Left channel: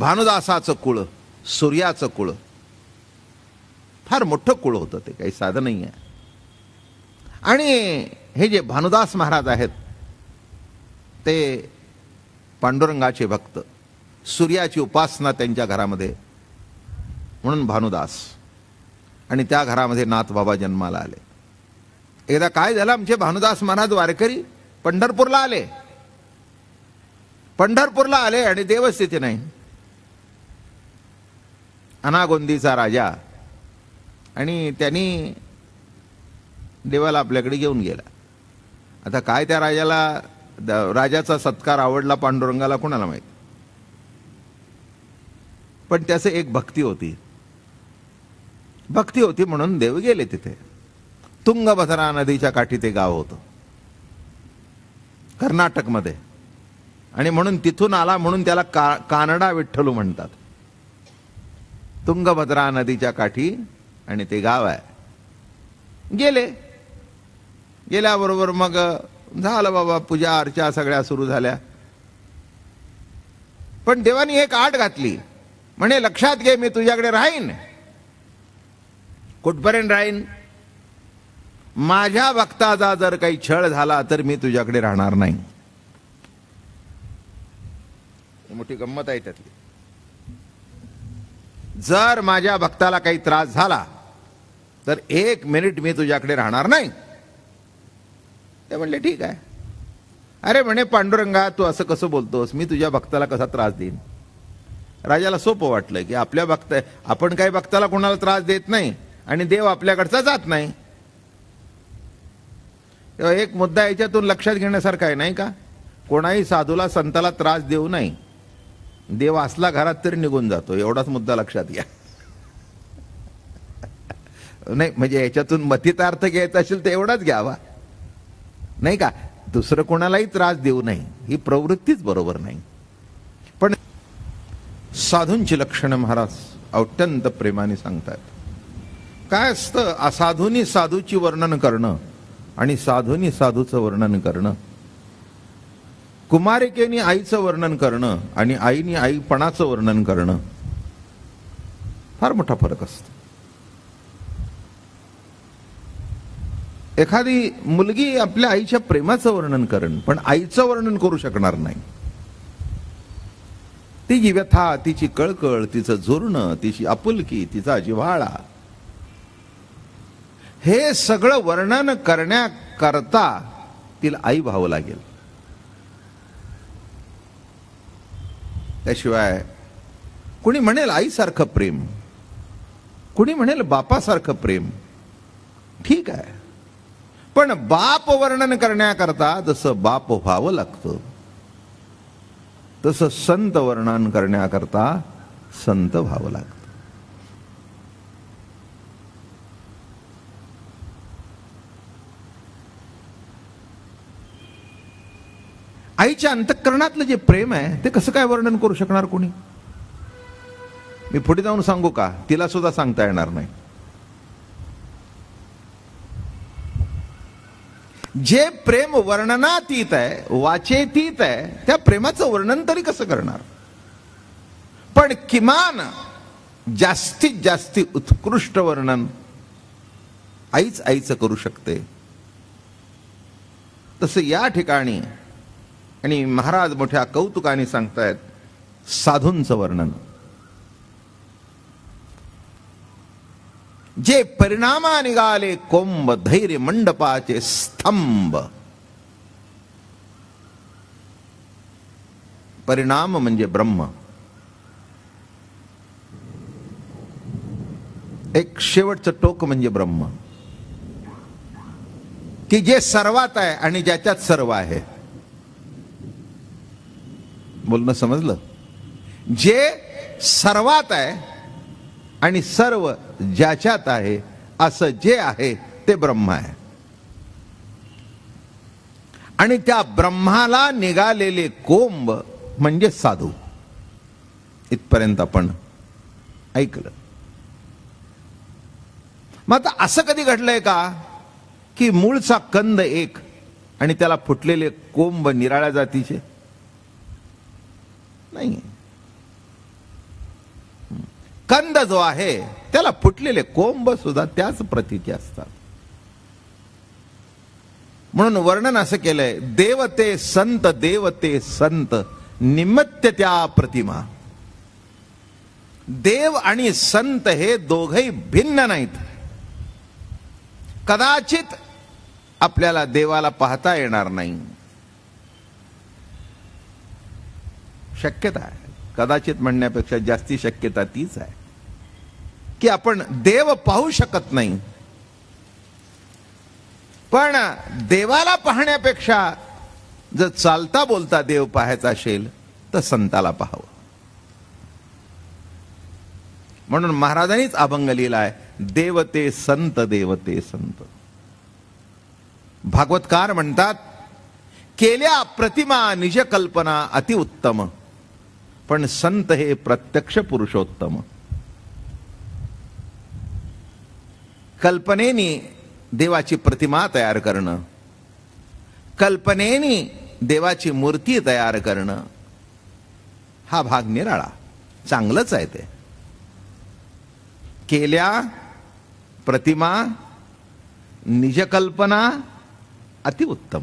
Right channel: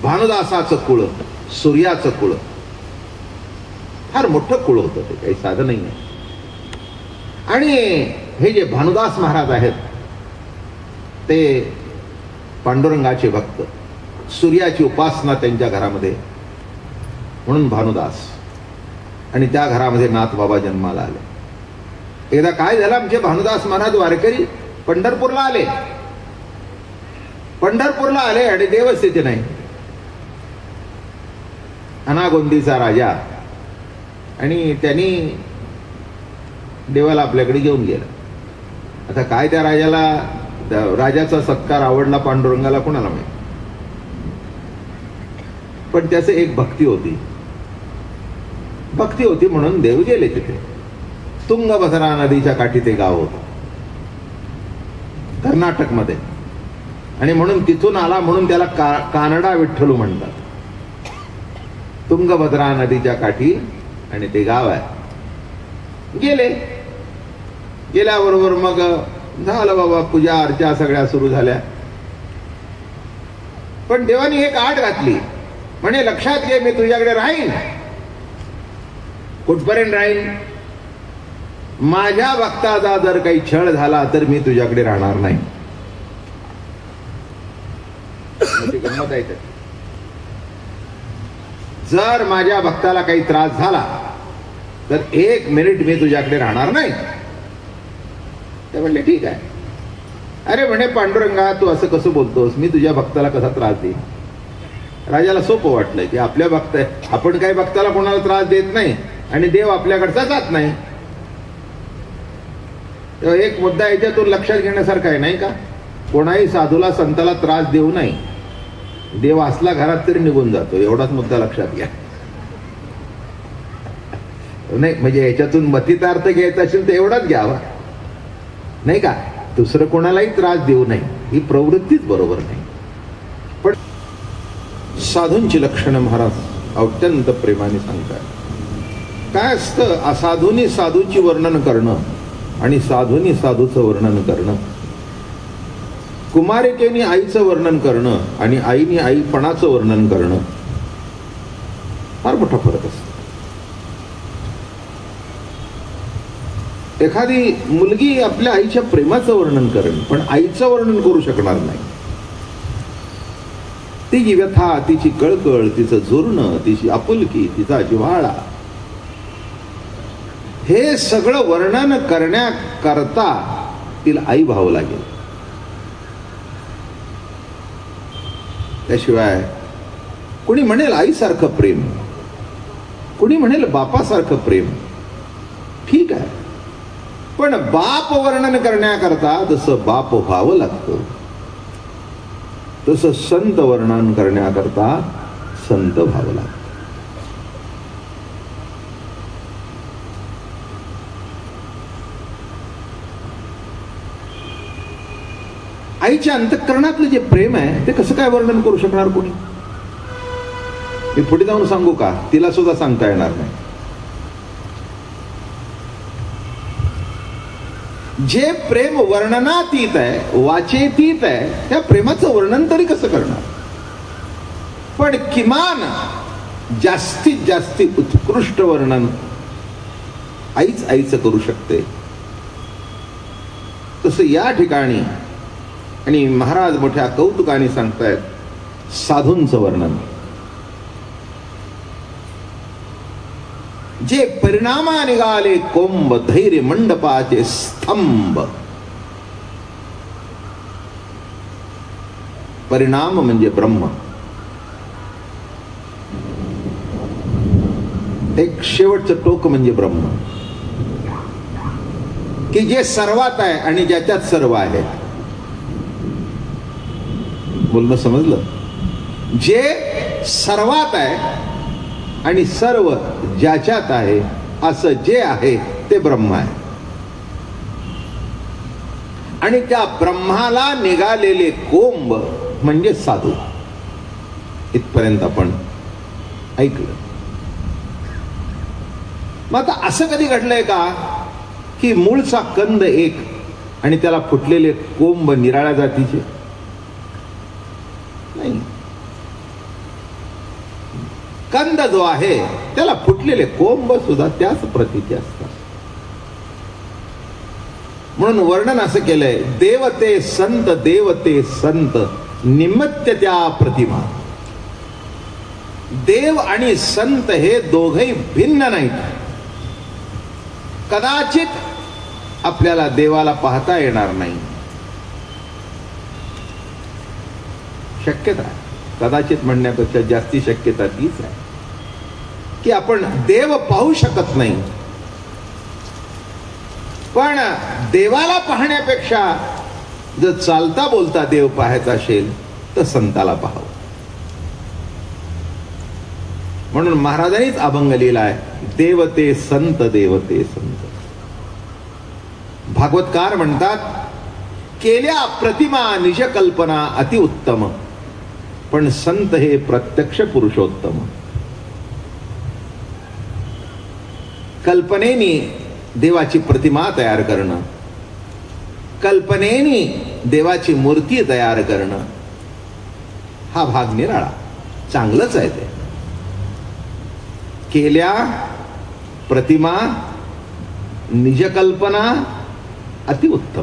भानुदासाचं कुळ, सूर्याचं कुळ, फार मोठं कुळ होतं ते, काही साधं नाही आहे. आणि हे जे भानुदास महाराज आहेत ते पांडुरंगाचे भक्त, सूर्याची उपासना त्यांच्या घरामध्ये, म्हणून भानुदास. आणि त्या घरामध्ये नाथ बाबा जन्माला आले. एकदा काय झालं, आमचे भानुदास महाराज वारकरी पंढरपूरला आले. पंढरपूरला आले आणि देवस्थिती नाही. अनागोंदीचा राजा, आणि त्यांनी देवाला आपल्याकडे घेऊन गेला. आता काय त्या राजाला, राजाचा सत्कार आवडला पांडुरंगाला कोणाला माहिती, पण त्याचं एक भक्ती होती. भक्ती होती म्हणून देव गेले तिथे. तुंगभद्रा नदीच्या काठी ते गाव होतं कर्नाटक मध्ये, आणि म्हणून तिथून आला म्हणून त्याला कानडा विठ्ठल म्हणतात. तुंगभद्रा नदीच्या काठी आणि ते गाव आहे. गेले, गेल्याबरोबर मग झालं बाबा, पूजा अर्चा सगळ्या सुरू झाल्या. पण देवानी एक आड घातली, म्हणे लक्षात घे मी तुझ्याकडे राहीन. कुठपर्यंत राहीन? माझ्या भक्ताचा जर काही छळ झाला तर मी तुझ्याकडे राहणार नाही. जर माझ्या भक्ताला काही त्रास झाला तर 1 मिनिट मी तुझ्याकडे राहणार नाही. ते म्हणले ठीक आहे. अरे म्हणे पांडुरंगा, तू असं कसं बोलतोस, मी तुझ्या भक्ताला कसा त्रास देईन? राजाला सोपं वाटलं की आपल्या भक्त, आपण काही भक्ताला कोणाला त्रास देत नाही आणि देव आपल्याकडचा जात नाही. एक मुद्दा याच्यातून लक्षात घेण्यासारखा आहे नाही का? कोणाही साधूला संताला त्रास देऊ नाही. देव असला घरात तरी निघून जातो, एवढाच मुद्दा लक्षात घ्या. नाही म्हणजे याच्यातून मतितार्थ घ्यायचा असेल तर एवढाच घ्यावा नाही का? दुसरं कोणालाही त्रास देऊ नये ही प्रवृत्तीच बरोबर नाही. पण साधूंची लक्षणं महाराज अत्यंत प्रेमाने सांगतात. काय असतं, असाधूनी साधूची वर्णन करणं आणि साधूनी साधूचं वर्णन करणं, कुमारिकेने आईचं वर्णन करणं आणि आईने आईपणाचं वर्णन करणं, फार मोठा फरक असतो. एखादी मुलगी आपल्या आईच्या प्रेमाचं वर्णन करेल पण आईचं वर्णन करू शकणार नाही. तिची व्यथा, तिची कळकळ, तिचं झुरणं, तिची आपुलकी, तिचा जिव्हाळा, हे सगळं वर्णन करण्याकरता तिला आई भाव लागेल. त्याशिवाय कुणी म्हणेल आईसारखं प्रेम, कुणी म्हणेल बापासारखं प्रेम, ठीक आहे. पण बाप वर्णन करण्याकरता जसं बाप व्हावं लागतं तसं संत वर्णन करण्याकरता संत व्हावं लागतं. आईच्या अंतःकरणातलं जे प्रेम आहे ते कसं काय वर्णन करू शकणार कोणी? मी पुढे जाऊन सांगू का? तिला सुद्धा सांगता येणार नाही. जे प्रेम वर्णनातीत आहे, वाचेतीत आहे, त्या प्रेमाचं वर्णन तरी कसं करणार? पण किमान जास्तीत जास्ती उत्कृष्ट वर्णन आईच आईचं करू शकते. तसं या ठिकाणी आणि महाराज मोठ्या कौतुकाने सांगतायत साधूंचं वर्णन. जे परिणामा निघाले कोंब, धैर्य मंडपाचे स्तंभ. परिणाम म्हणजे ब्रह्म, एक शेवटचं टोक म्हणजे ब्रह्म, की जे सर्वात आहे आणि ज्याच्यात सर्व आहे. बोलणं समजलं? जे सर्वात आहे आणि सर्व ज्याच्यात आहे असं जे आहे ते ब्रह्म आहे. आणि त्या ब्रह्माला निघालेले कोंब म्हणजे साधू. इथपर्यंत आपण ऐकलं. मग आता असं कधी घडलंय का की मूळचा कंद एक आणि त्याला फुटलेले कोंब निराळ्या जातीचे? नाही. कंद जो आहे त्याला फुटलेले कोंब सुद्धा त्याच प्रतीचे असतात. म्हणून वर्णन असं केलंय, देवते संत निमित्त त्या प्रतिमा. देव आणि संत हे दोघेही भिन्न नाहीत. कदाचित आपल्याला देवाला पाहता येणार नाही, शक्यता आहे, कदाचित म्हणण्यापेक्षा जास्ती शक्यता तीच आहे की आपण देव पाहू शकत नाही. पण देवाला पाहण्यापेक्षा जर चालता बोलता देव पाहायचा असेल तर संताला पाहावं. म्हणून महाराजांनीच अभंग लिहिलाय, देवते संत. भागवतकार म्हणतात, केल्या प्रतिमा निज कल्पना अतिउत्तम, पण संत हे प्रत्यक्ष पुरुषोत्तम. कल्पनेनी देवाची प्रतिमा तयार करणं, कल्पनेनी देवाची मूर्ती तयार करणं, हा भाग निराळा, चांगलंच आहे ते. केल्या प्रतिमा निज कल्पना अतिउत्तम,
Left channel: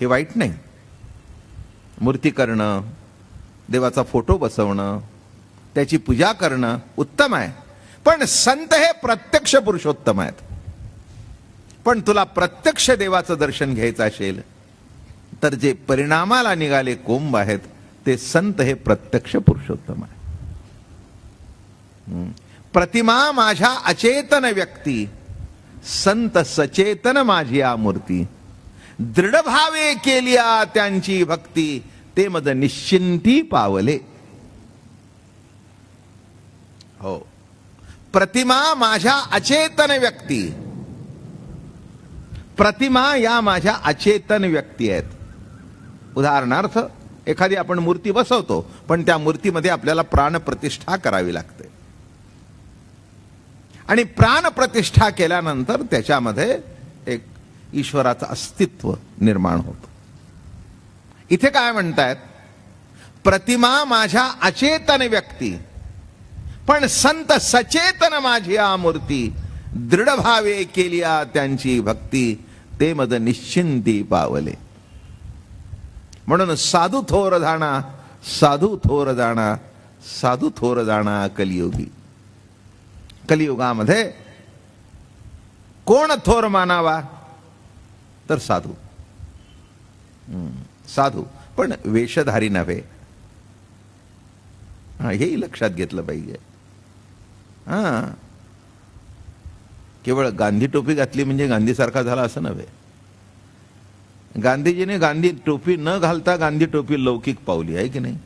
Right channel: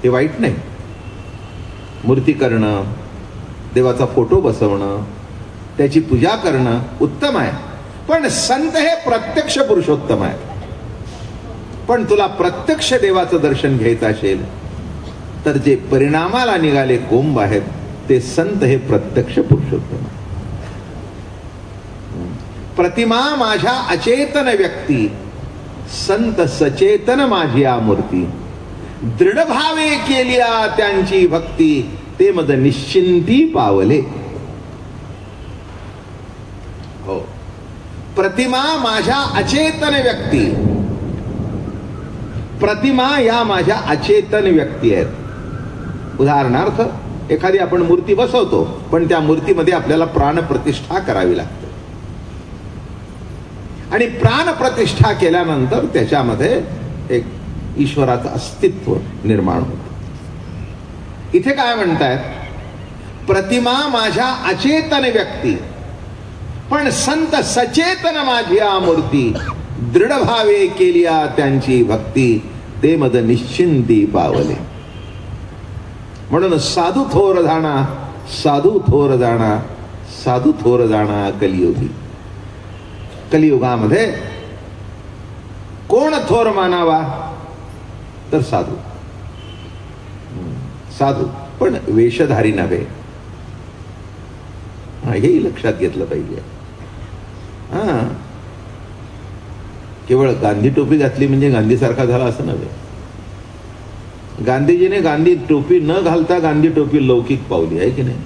हे वाईट नाही. मूर्ती करणं, देवाचा फोटो बसवणं, त्याची पूजा करणं उत्तम आहे. पण संत हे प्रत्यक्ष पुरुषोत्तम आहे. पण तुला प्रत्यक्ष देवाचं दर्शन घ्यायचं असेल तर जे परिणामाला निघाले कोंब आहेत ते संत हे प्रत्यक्ष पुरुषोत्तम आहे. प्रतिमा माझ्या अचेतन व्यक्ती, संत सचेतन माझी मूर्ती. दृढ भावे केल्या त्यांची भक्ती, ते मद निश्चिंती पावले. हो, प्रतिमा माझ्या अचेतन व्यक्ती, प्रतिमा या माझ्या अचेतन व्यक्ती आहेत. उदाहरणार्थ एखादी आपण मूर्ती बसवतो, पण त्या मूर्तीमध्ये आपल्याला प्राण प्रतिष्ठा करावी लागते आणि प्राण प्रतिष्ठा केल्यानंतर त्याच्यामध्ये एक ईश्वराचं अस्तित्व निर्माण होतं. इथे काय म्हणतायत, प्रतिमा माझ्या अचेतन व्यक्ती, पण संत सचेतन माझी मूर्ती. दृढ भावे केल्या त्यांची भक्ती, ते मद निश्चिंती पावले. म्हणून साधू थोर जाणा, साधू थोर जाणा, साधू थोर जाणा कलियुगी. कलियुगामध्ये कोण थोर मानावा तर साधू. साधू पण वेशधारी नव्हे, हेही लक्षात घेतलं पाहिजे. केवळ गांधी टोपी घातली म्हणजे गांधी सारखा झाला असं नव्हे. गांधीजीने गांधी टोपी न घालता गांधी टोपी लौकिक पावली आहे की नाही.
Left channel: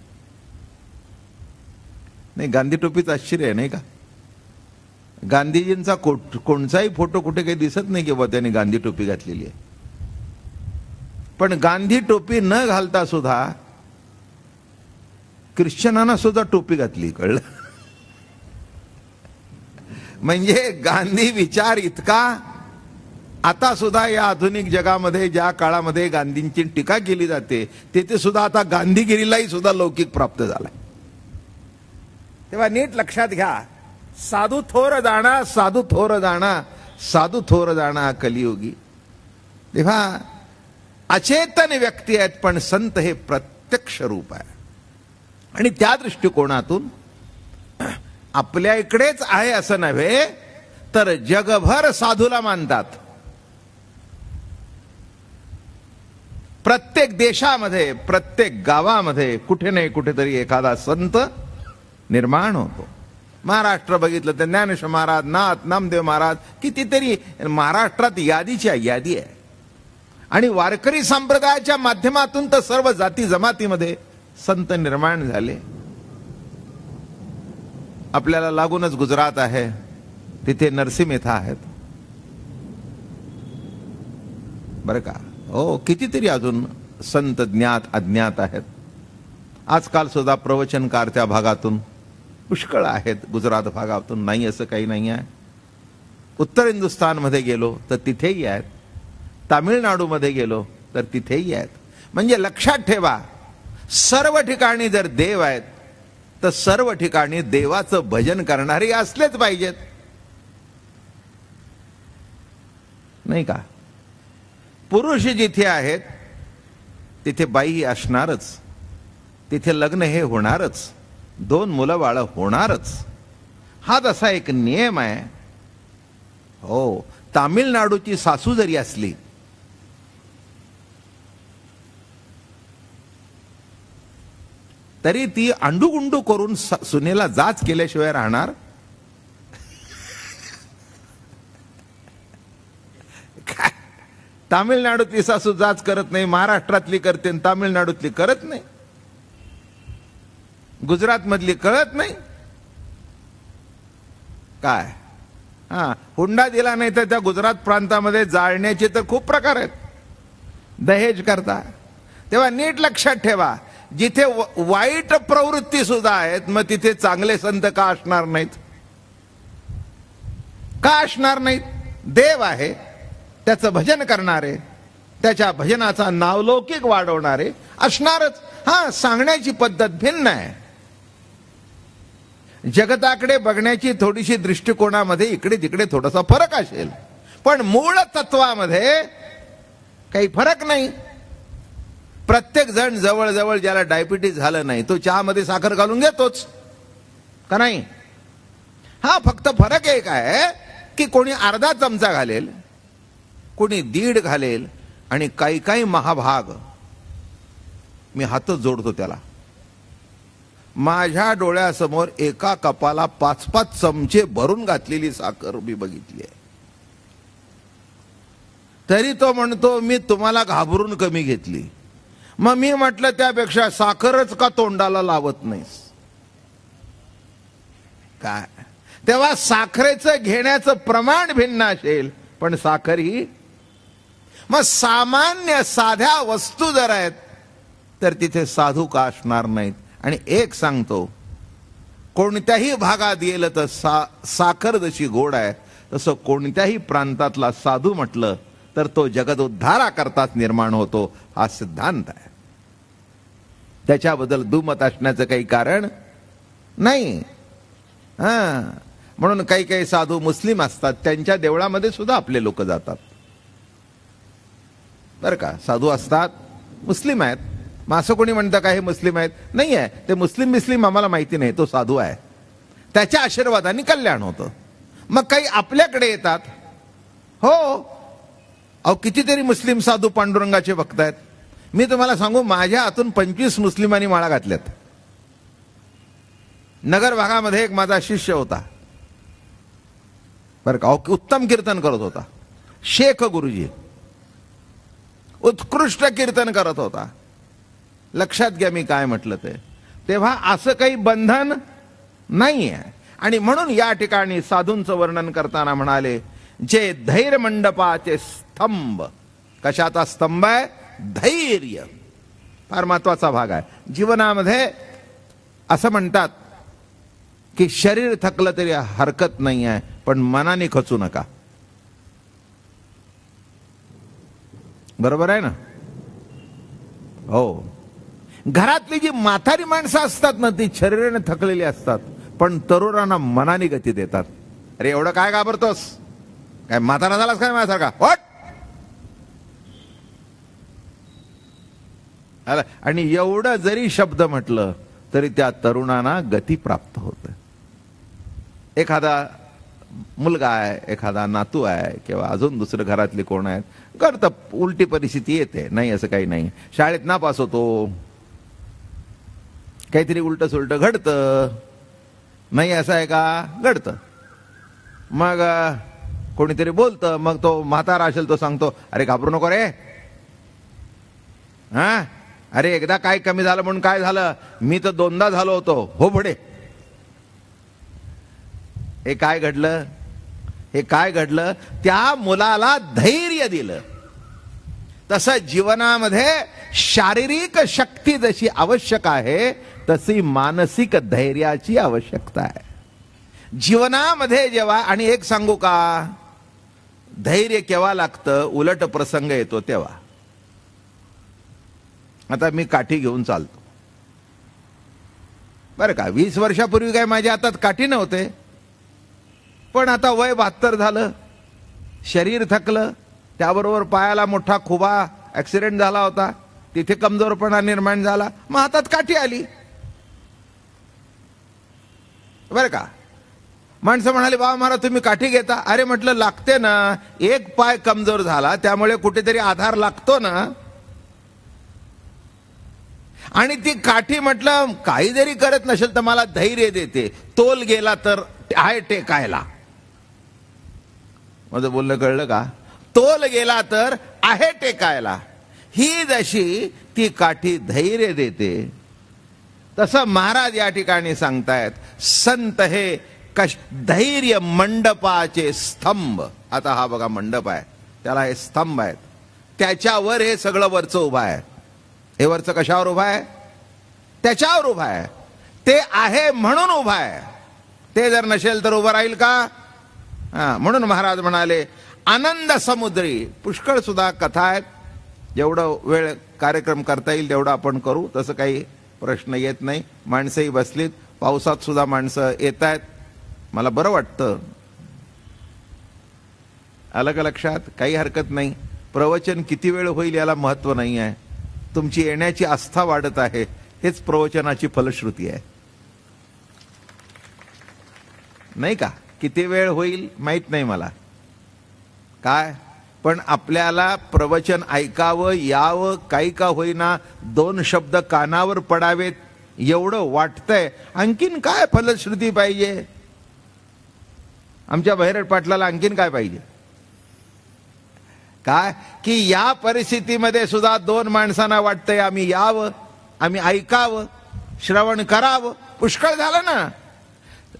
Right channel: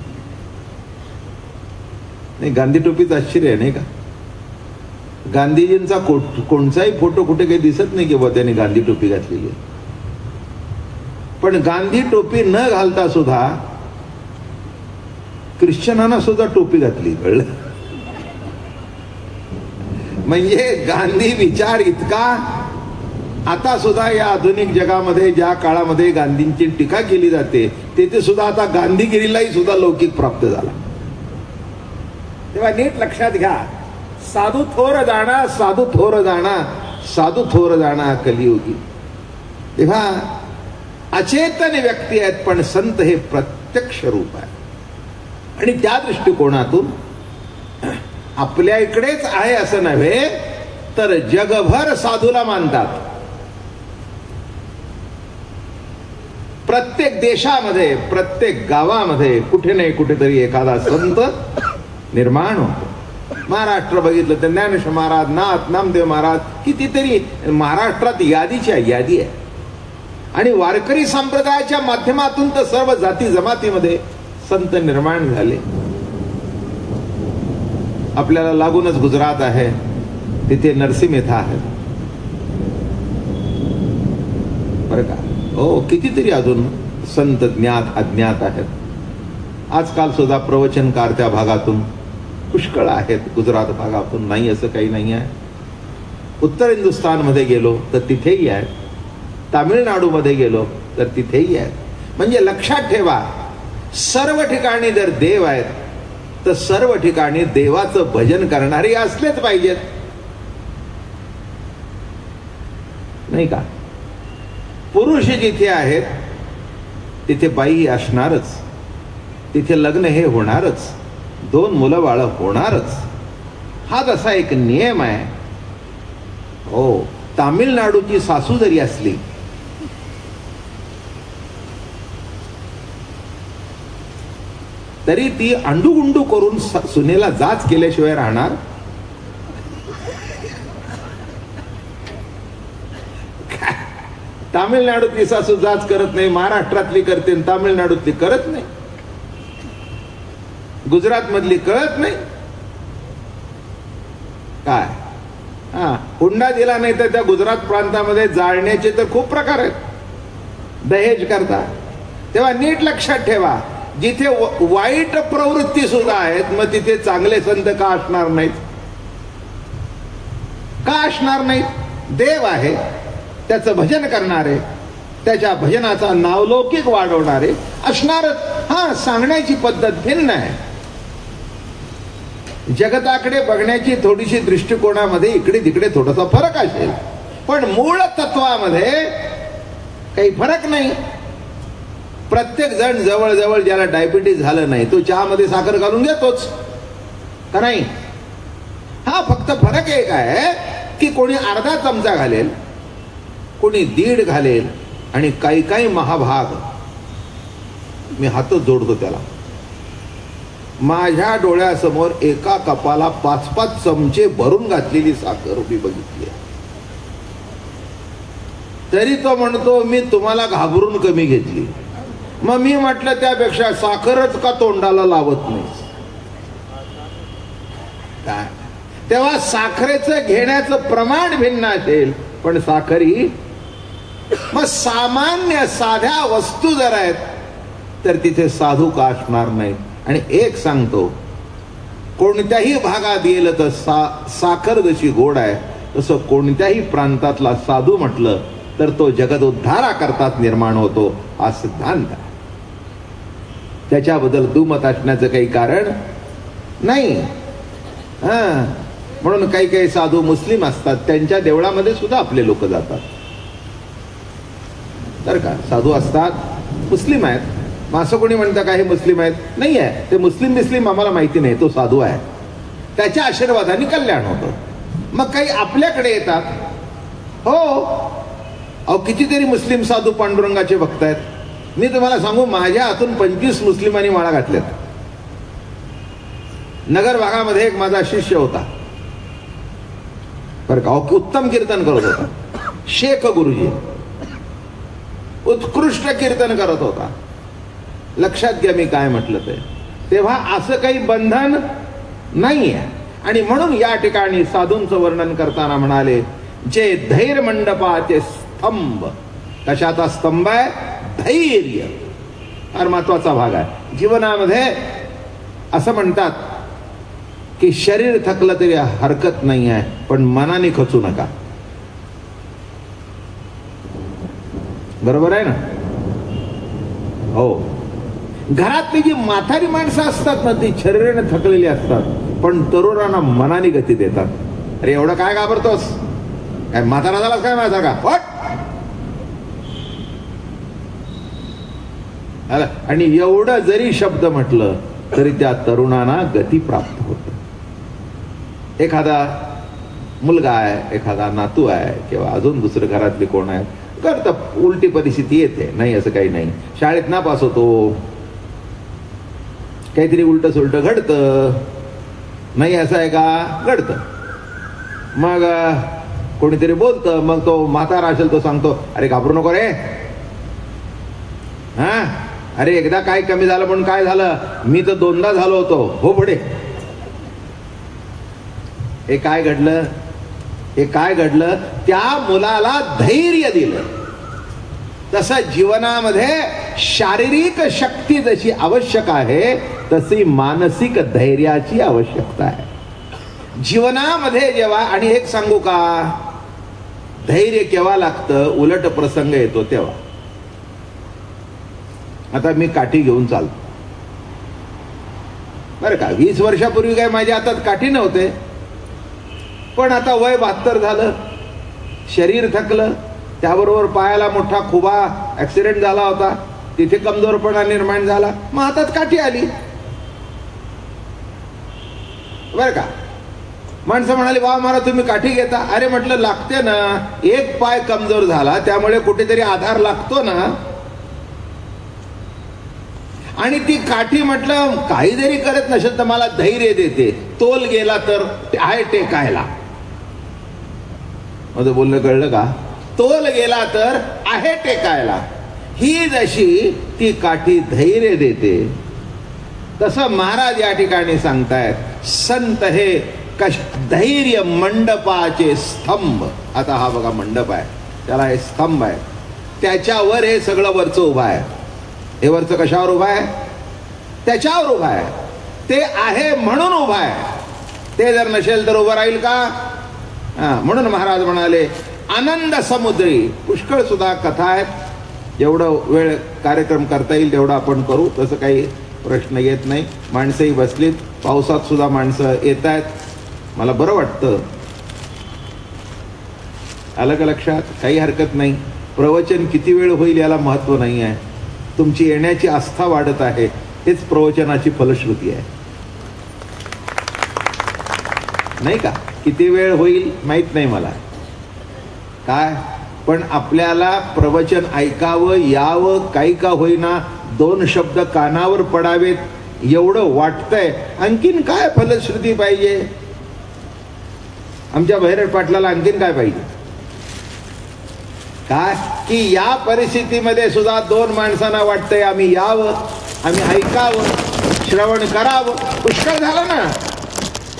गांधी टोपीच आश्चर्य नाही का. गांधीजींचा कोणताही फोटो कुठे काही दिसत नाही किंवा त्याने गांधी टोपी घातलेली. पण गांधी टोपी न घालता सुद्धा ख्रिश्चनांना सुद्धा टोपी घातली, कळलं. म्हणजे गांधी विचार इतका आता सुद्धा या आधुनिक जगामध्ये ज्या काळामध्ये गांधींची टीका केली जाते तिथे सुद्धा आता गांधीगिरीलाही सुद्धा लौकिक प्राप्त झाला. तेव्हा नीट लक्षात घ्या, साधू थोर जाणा, साधू थोर जाणा, साधू थोर जाणा कलियुगी. तेव्हा अचेतन व्यक्ती आहेत पण संत हे प्रत्यक्ष रूप आहे. आणि त्या दृष्टिकोनातून आपल्या इकडेच आहे असं नव्हे तर जगभर साधूला मानतात. प्रत्येक देशामध्ये, प्रत्येक गावामध्ये कुठे नाही कुठेतरी एखादा संत निर्माण होतो. महाराष्ट्र बघितलं तर ज्ञानेश्वर महाराज, नाथ नामदेव महाराज, कितीतरी महाराष्ट्रात यादीची यादी आहे. आणि वारकरी संप्रदायाच्या माध्यमातून तर सर्व जाती जमातीमध्ये संत निर्माण झाले. आपल्याला लागूनच गुजरात आहे, तिथे नरसिंहमेथा आहे बरं का. हो, कितीतरी अजून संत ज्ञात अज्ञात आहेत. आजकाल सुद्धा प्रवचनकार त्या भागातून पुष्कळ आहेत, गुजरात भागातून नाही असं काही नाही आहे. उत्तर हिंदुस्थान मध्ये गेलो तर तिथेही आहेत, तामिळनाडू मध्ये गेलो तर तिथेही आहेत. म्हणजे लक्षात ठेवा, सर्व ठिकाणी जर देव आहेत तर सर्व ठिकाणी देवाचं भजन करणारे असलेच पाहिजेत, नाही का? पुरुष जिथे आहेत तिथे बाई असणारच, तिथे लग्न हे होणारच, 2 मुलं बाळ होणारच, हा तसा एक नियम आहे. हो, तामिळनाडूची सासू जरी असली तरी ती अंडू करून सुनेला जाच केल्याशिवाय राहणार? तामिळनाडूतली सासू जाच करत नाही, महाराष्ट्रातली करते, तामिळनाडूतली करत नाही, गुजरात मधली करत नाही. काय हुंडा दिला नाही तर त्या गुजरात प्रांतामध्ये जाळण्याचे तर खूप प्रकार आहेत, दहेज करता. तेव्हा नीट लक्षात ठेवा, जिथे वाईट प्रवृत्ती सुद्धा आहेत मग तिथे चांगले संत का असणार नाहीत? का असणार नाही? देव आहे, त्याचं भजन करणारे, त्याच्या भजनाचा नावलौकिक वाढवणारे असणारच. हा, सांगण्याची पद्धत भिन्न आहे. जगताकडे बघण्याची थोडीशी दृष्टिकोनामध्ये इकडे तिकडे थोडासा फरक असेल, पण मूळ तत्वामध्ये काही फरक नाही. प्रत्येक जण जवळ जवळ ज्याला डायबिटीज झालं नाही तो चहामध्ये साखर घालून घेतोच का नाही? हा, फक्त फरक एक आहे की कोणी अर्धा चमचा घालेल, कोणी 1.5 घालेल, आणि काही काही महाभाग, मी हात जोडतो त्याला, माझ्या डोळ्यासमोर एका कपाला 5-5 चमचे भरून घातलेली साखर उभी बघितली, तरी तो म्हणतो मी तुम्हाला घाबरून कमी घेतली. मग मी म्हटलं त्यापेक्षा साखरच का तोंडाला लावत नाही? काय तेव्हा साखरेचं घेण्याचं प्रमाण भिन्न असेल, पण साखरी मग सामान्य साध्या वस्तू जर आहेत तर तिथे साधू का असणार नाही? आणि एक सांगतो, कोणत्याही भागात गेलं तर साखर जशी गोड आहे तसं कोणत्याही प्रांतातला साधू म्हटलं तर तो जगत उद्धारा करतात निर्माण होतो, हा सिद्धांत आहे. त्याच्याबद्दल दुमत असण्याचं काही कारण नाही. म्हणून काही काही साधू मुस्लिम असतात, त्यांच्या देवळामध्ये सुद्धा आपले लोक जातात बर का. साधू असतात, मुस्लिम आहेत, मग असं कोणी म्हणतं काही मुस्लिम आहेत? नाही आहे, ते मुस्लिम आम्हाला माहिती नाही, तो साधू आहे, त्याच्या आशीर्वादाने कल्याण होतं. मग काही आपल्याकडे येतात. हो, अहो कितीतरी मुस्लिम साधू पांडुरंगाचे भक्त आहेत. मी तुम्हाला सांगू, माझ्या हातून 25 मुस्लिमांनी माळा घातल्यात. नगर भागामध्ये एक माझा शिष्य होता बरं का, उत्तम कीर्तन करत होता, शेख गुरुजी, उत्कृष्ट कीर्तन करत होता. लक्षात घ्या मी काय म्हटलं ते. तेव्हा असं काही बंधन नाहीये. आणि म्हणून या ठिकाणी साधूंचं वर्णन करताना म्हणाले, जे धैर्य मंडपाचे स्तंभ. कशाचा स्तंभ आहे? धैर्य. फार महत्वाचा भाग आहे जीवनामध्ये. असं म्हणतात की शरीर थकलं तरी हरकत नाही आहे, पण मनाने खचू नका. बरोबर आहे ना? हो. घरातली जी म्हातारी माणसं असतात ना, ती शरीराने थकलेली असतात, पण तरुणांना मनाने गती देतात. अरे एवढं काय घाबरतोस? काय म्हातारा झालास काय माझ्यासारखा? आणि एवढं जरी शब्द म्हटलं तरी त्या तरुणांना गती प्राप्त होते. एखादा मुलगा आहे, एखादा नातू आहे, किंवा अजून दुसरं घरातले कोण आहे, करतं, उलटी परिस्थिती येते, नाही असं काही नाही. शाळेत नापास होतो, काहीतरी उलट सुलट घडतं, नाही असं आहे का? घडतं. मग कोणीतरी बोलतं, मग तो म्हातारा असेल तो सांगतो, अरे घाबरू नको रे, हा, अरे एकदा काय कमी झालं म्हणून काय झालं, मी तर 2दा झालो होतो, हो पुढे. हे काय घडलं? हे काय घडलं? त्या मुलाला धैर्य दिलं. तसं जीवनामध्ये शारीरिक शक्ती जशी आवश्यक आहे तशी मानसिक धैर्याची आवश्यकता आहे जीवनामध्ये. जेव्हा, आणि एक सांगू का, धैर्य केव्हा लागतं? उलट प्रसंग येतो तेव्हा. आता मी काठी घेऊन चालतो, बरं का. 20 वर्षापूर्वी काय माझ्या हातात काठी नव्हते, पण आता वय 72 झालं, शरीर थकलं, त्याबरोबर पायाला मोठा खुबा ऍक्सिडेंट झाला होता, तिथे कमजोरपणा निर्माण झाला, मग हातात काठी आली. बर का. माणसं म्हणाले, बाबा मला तुम्ही काठी घेता. अरे म्हटलं लागते ना, एक पाय कमजोर झाला त्यामुळे कुठेतरी आधार लागतो ना. आणि ती काठी म्हटलं काही जरी करत नसेल तर मला धैर्य देते, तोल गेला तर आहे टेकायला. माझं बोलणं कळलं का? तोल गेला तर आहे टेकायला. ही जशी ती काठी धैर्य देते, तसं महाराज या ठिकाणी सांगतायत, संत हे धैर्य मंडपाचे स्तंभ. आता हा बघा मंडप आहे, त्याला हे स्तंभ आहे, त्याच्यावर हे सगळं वरचं उभं आहे. हे वरचं कशावर उभं आहे? त्याच्यावर उभं आहे. ते आहे म्हणून उभं आहे. ते जर नसेल तर उभं राहील का? म्हणून महाराज म्हणाले, आनंद समुद्री. पुष्कळ सुद्धा कथा आहेत, जेवढं वेळ कार्यक्रम करता येईल तेवढं आपण करू, तसं काही प्रश्न येत नाही. माणसंही बसलीत, पावसात सुद्धा माणसं येत आहेत, मला बरं वाटतं. आलं का लक्षात? काही हरकत नाही. प्रवचन किती वेळ होईल याला महत्व नाही आहे, तुमची येण्याची आस्था वाढत आहे, हेच प्रवचनाची फलश्रुती आहे, नाही का? किती वेळ होईल माहित नाही मला काय, पण आपल्याला प्रवचन ऐकावं यावं, काही का होईना 2 शब्द कानावर पडावेत एवढं वाटतंय. आणखीन काय फलश्रुती पाहिजे? आमच्या बहिरट पाटलाला आणखीन काय पाहिजे? काय की या परिस्थितीमध्ये सुद्धा 2 माणसांना वाटतंय आम्ही यावं, आम्ही ऐकावं, श्रवण करावं. पुष्कळ झालं ना.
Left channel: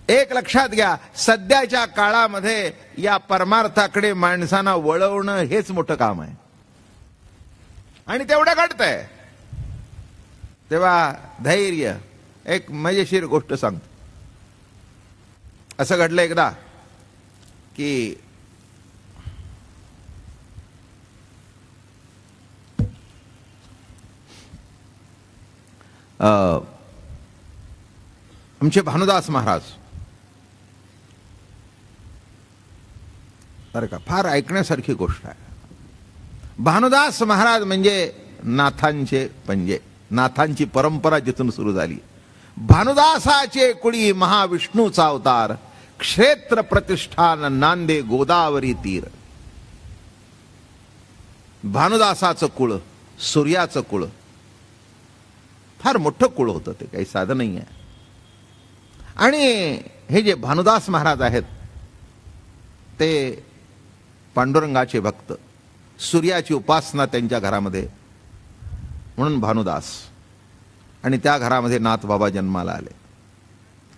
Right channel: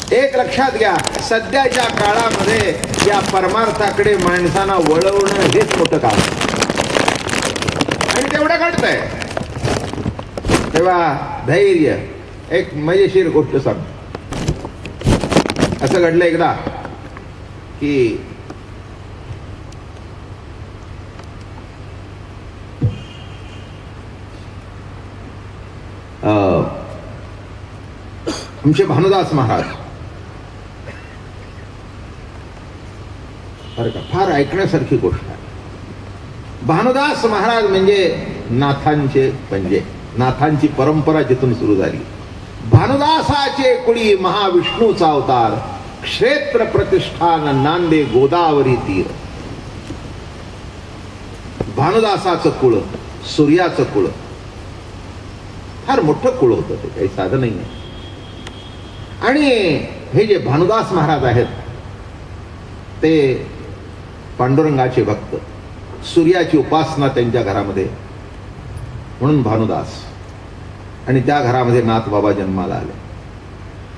एक लक्षात घ्या, सध्याच्या काळामध्ये या परमार्थाकडे माणसांना वळवणं हेच मोठं काम आणि तेवढं घडतंय. तेव्हा धैर्य. एक मजेशीर गोष्ट सांग. असं घडलं एकदा की आमचे भानुदास महाराज, फार ऐकण्यासारखी गोष्ट आहे. भानुदास महाराज म्हणजे नाथांचे पंजे, नाथांची परंपरा जिथून सुरू झाली. भानुदासाचे कुणी महाविष्णूचा अवतार, क्षेत्र प्रतिष्ठान नांदे गोदावरी तीर. भानुदासाचं कुळ, सूर्याचं कुळ, फार मोठं कुळ होतं, ते काही साधं नाही आहे. आणि हे जे भानुदास महाराज आहेत ते पांडुरंगाचे भक्त, सूर्याची उपासना त्यांच्या घरामध्ये, म्हणून भानुदास. आणि त्या घरामध्ये नाथ बाबा जन्माला आले.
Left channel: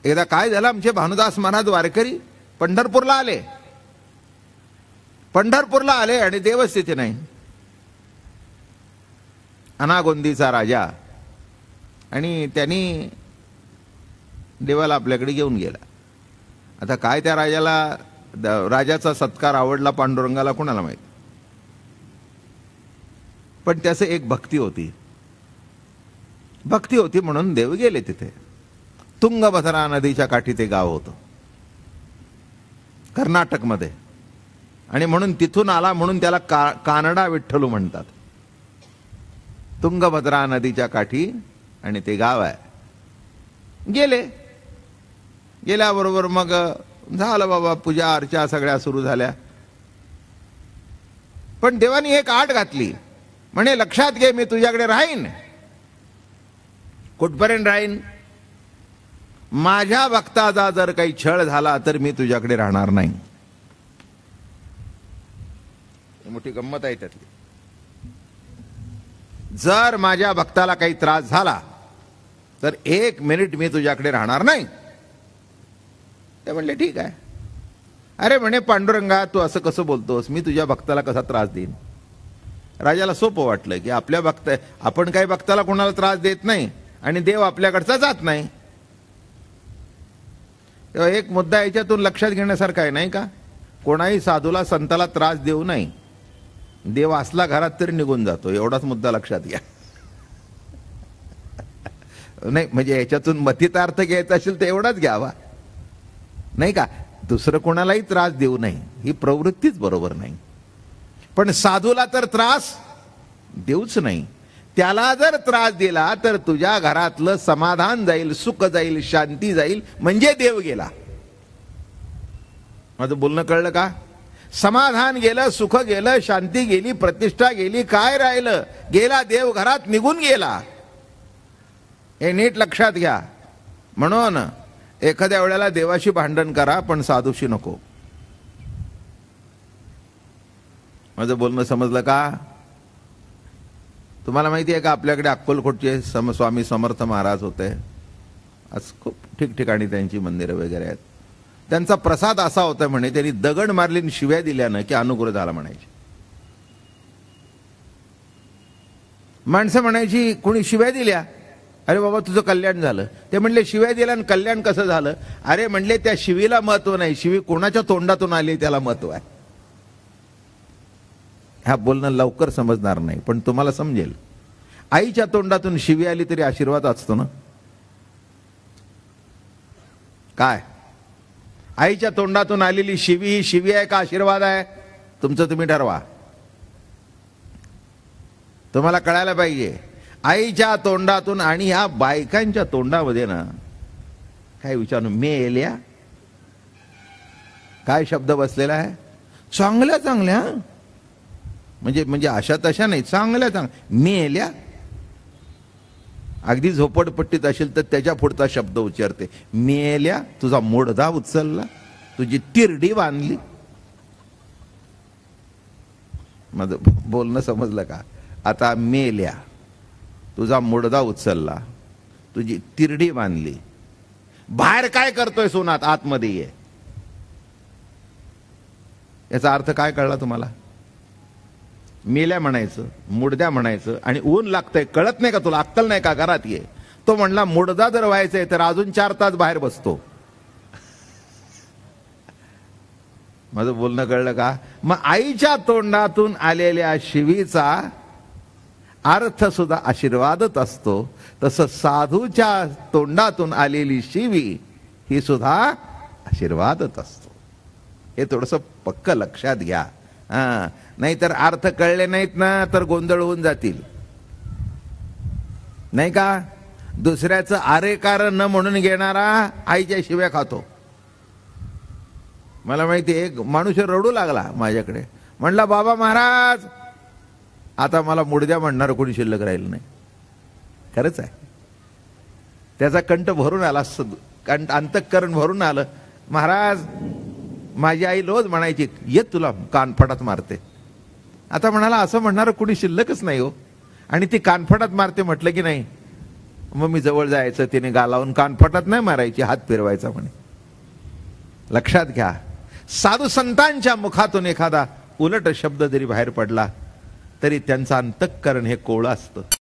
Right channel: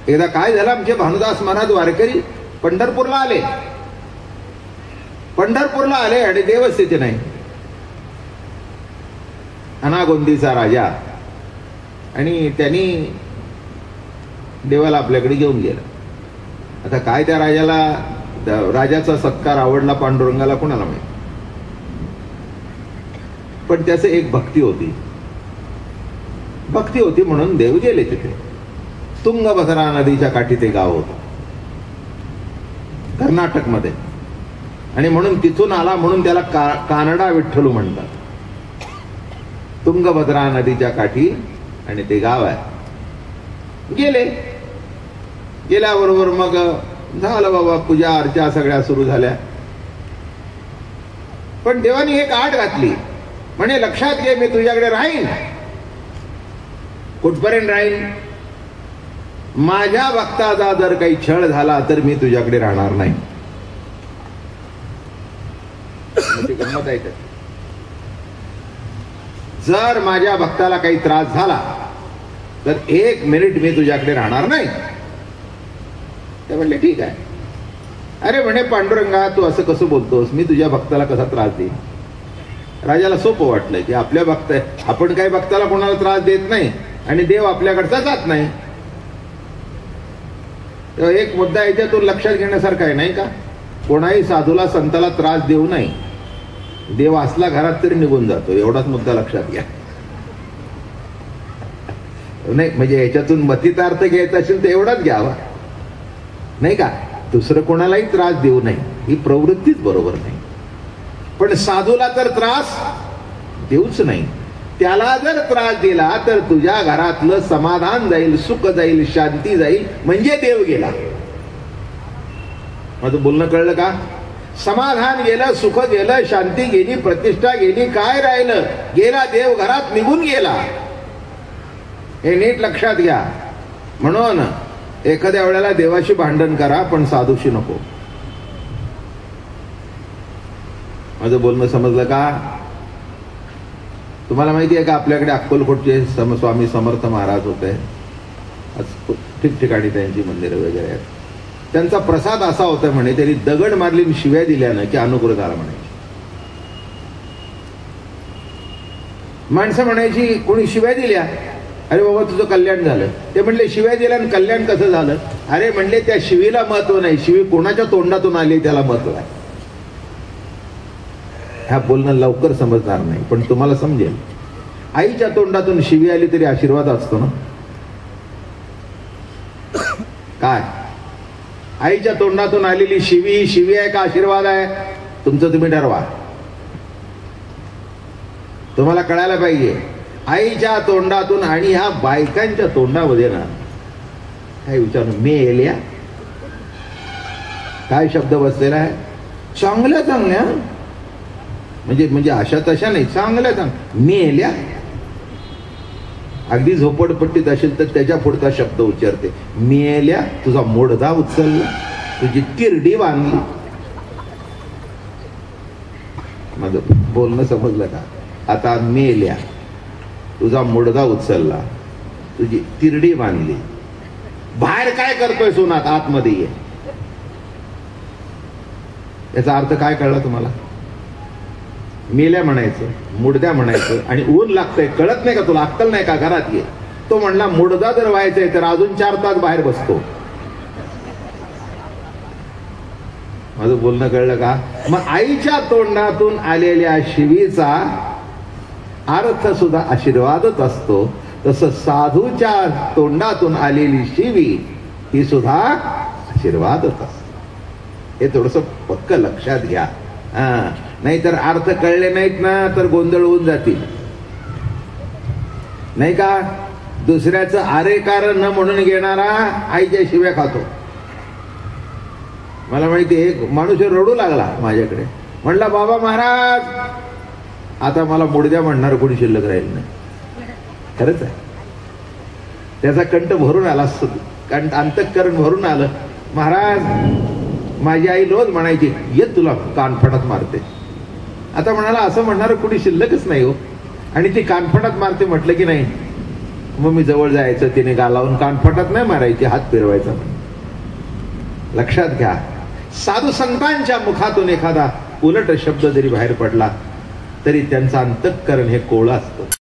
एकदा काय झालं, आमचे भानुदास महाराज वारकरी पंढरपूरला आले. पंढरपूरला आले आणि देवस्थिती नाही. अनागोंदीचा राजा, आणि त्यांनी देवाला आपल्याकडे घेऊन गेला. आता काय त्या राजाला, राजाचा सत्कार आवडला पांडुरंगाला कोणाला माहिती, पण त्याचं एक भक्ती होती. भक्ती होती म्हणून देव गेले तिथे. तुंगभद्रा नदीच्या काठी ते गाव होतं कर्नाटक मध्ये, आणि म्हणून तिथून आला म्हणून त्याला कानडा विठ्ठल म्हणतात. तुंगभद्रा नदीच्या काठी आणि ते गाव आहे. गेले, गेल्याबरोबर मग झालं बाबा, पूजा अर्चा सगळ्या सुरू झाल्या. पण देवानी एक आड घातली, म्हणे लक्षात घे, मी तुझ्याकडे राहीन. कुठपर्यंत राहीन? माझ्या भक्ताचा जर काही छळ झाला तर मी तुझ्याकडे राहणार नाही. जर माझ्या भक्ताला काही त्रास झाला तर 1 मिनिट मी तुझ्याकडे राहणार नाही. ते म्हणले ठीक आहे. अरे म्हणे पांडुरंगा, तू असं कसं बोलतोस, मी तुझ्या भक्ताला कसा त्रास देईन? राजाला सोपं वाटलं की आपल्या भक्त, आपण काही भक्ताला कोणाला त्रास देत नाही आणि देव आपल्याकडचा जात नाही. एक मुद्दा याच्यातून लक्षात घेण्यासारखा आहे, नाही का? कोणाही साधूला संताला त्रास देऊ नये. देव असला घरात तरी निघून जातो, एवढाच मुद्दा लक्षात घ्या. नाही म्हणजे याच्यातून मतितार्थ घ्यायचा असेल तर एवढाच घ्यावा, नाही का? दुसरं कोणालाही त्रास देऊ नये ही प्रवृत्तीच बरोबर नाही. पण साधूला तर त्रास देऊच नाही. त्याला जर त्रास दिला तर तुझ्या घरातलं समाधान जाईल, सुख जाईल, शांती जाईल, म्हणजे देव गेला. माझं बोलणं कळलं का? समाधान गेलं, सुख गेलं, शांती गेली, प्रतिष्ठा गेली, काय राहिलं? गेला देव, घरात निघून गेला. हे नीट लक्षात घ्या. म्हणून एखाद्या वेळेला देवाशी भांडण करा पण साधूशी नको. माझं बोलणं समजलं का? तुम्हाला माहिती आहे का आपल्याकडे अक्कलकोटचे स्वामी समर्थ महाराज होते, ठिकठिकाणी त्यांची मंदिरं वगैरे आहेत. त्यांचा प्रसाद असा होता म्हणे, त्यांनी दगड मारली शिव्या दिल्यानं की अनुग्रह झाला म्हणे. माणसं म्हणायची कोणी शिव्या दिल्या, अरे बाबा तुझं कल्याण झालं. ते म्हणले शिव्या दिल्या आणि कल्याण कसं झालं? अरे म्हणले त्या शिवीला महत्व नाही, शिवी कोणाच्या तोंडातून आली त्याला महत्व आहे. हा बोलणं लवकर समजणार नाही पण तुम्हाला समजेल. आईच्या तोंडातून शिवी आली तरी आशीर्वाद असतो ना. काय आईच्या तोंडातून आलेली शिवी शिवी आहे का आशीर्वाद आहे? तुमचं तुम्ही ठरवा. तुम्हाला कळायला पाहिजे. आईच्या तोंडातून आणि ह्या बायकांच्या तोंडामध्ये ना काय विचारून मेल्या काय शब्द बसलेला आहे? चांगल्या चांगल्या म्हणजे म्हणजे अशा तशा नाही, चांगल्या चांगल्या मेल्या. अगदी झोपडपट्टीत असेल तर त्याच्या पुढचा शब्द उच्चारते, मेल्या, तुझा मोडदा उचलला, तुझी तिरडी बांधली. माझं बोलणं समजलं का? आता मेल्या, तुझा मोडदा उचलला, तुझी तिरडी बांधली. बाहेर काय करतोय सोनात? आतमध्ये ये. याचा अर्थ काय कळला तुम्हाला? मेल्या म्हणायचं, मुडद्या म्हणायचं आणि ऊन लागतंय कळत नाही का तुला? अक्कल नाही का? घरात ये. तो म्हणला मुडदा जर व्हायचंय तर अजून 4 तास बाहेर बसतो. माझं बोलणं कळलं का? मग आईच्या तोंडातून आलेल्या शिवीचा अर्थ सुद्धा आशीर्वादच असतो. तसं साधूच्या तोंडातून आलेली शिवी ही सुद्धा आशीर्वादच असतो. हे थोडस पक्क लक्षात घ्या. नाहीतर अर्थ कळले नाहीत ना तर गोंधळ होऊन जातील, नाही का? दुसऱ्याचं आरे कारण न म्हणून घेणारा आईच्या शिव्या खातो. मला माहिती एक माणूस रडू लागला माझ्याकडे, म्हणला बाबा महाराज आता मला मुडद्या म्हणणार कोणी शिल्लक राहील नाही. खरंच आहे. त्याचा कंठ भरून आला, अंतःकरण भरून आलं. महाराज माझी आई रोज म्हणायची ये तुला कानफटात मारते. आता म्हणाला असं म्हणणार कोणी शिल्लकच नाही हो. आणि ती कानफटात मारते म्हटलं की नाही, मग मी जवळ जायचं, तिने गालावून कानफटात नाही मारायची, हात फिरवायचा. लक्षात घ्या. साधू संतांच्या मुखातून एखादा उलट शब्द जरी बाहेर पडला तरी त्यांचं अंतःकरण हे कोवळं असतं.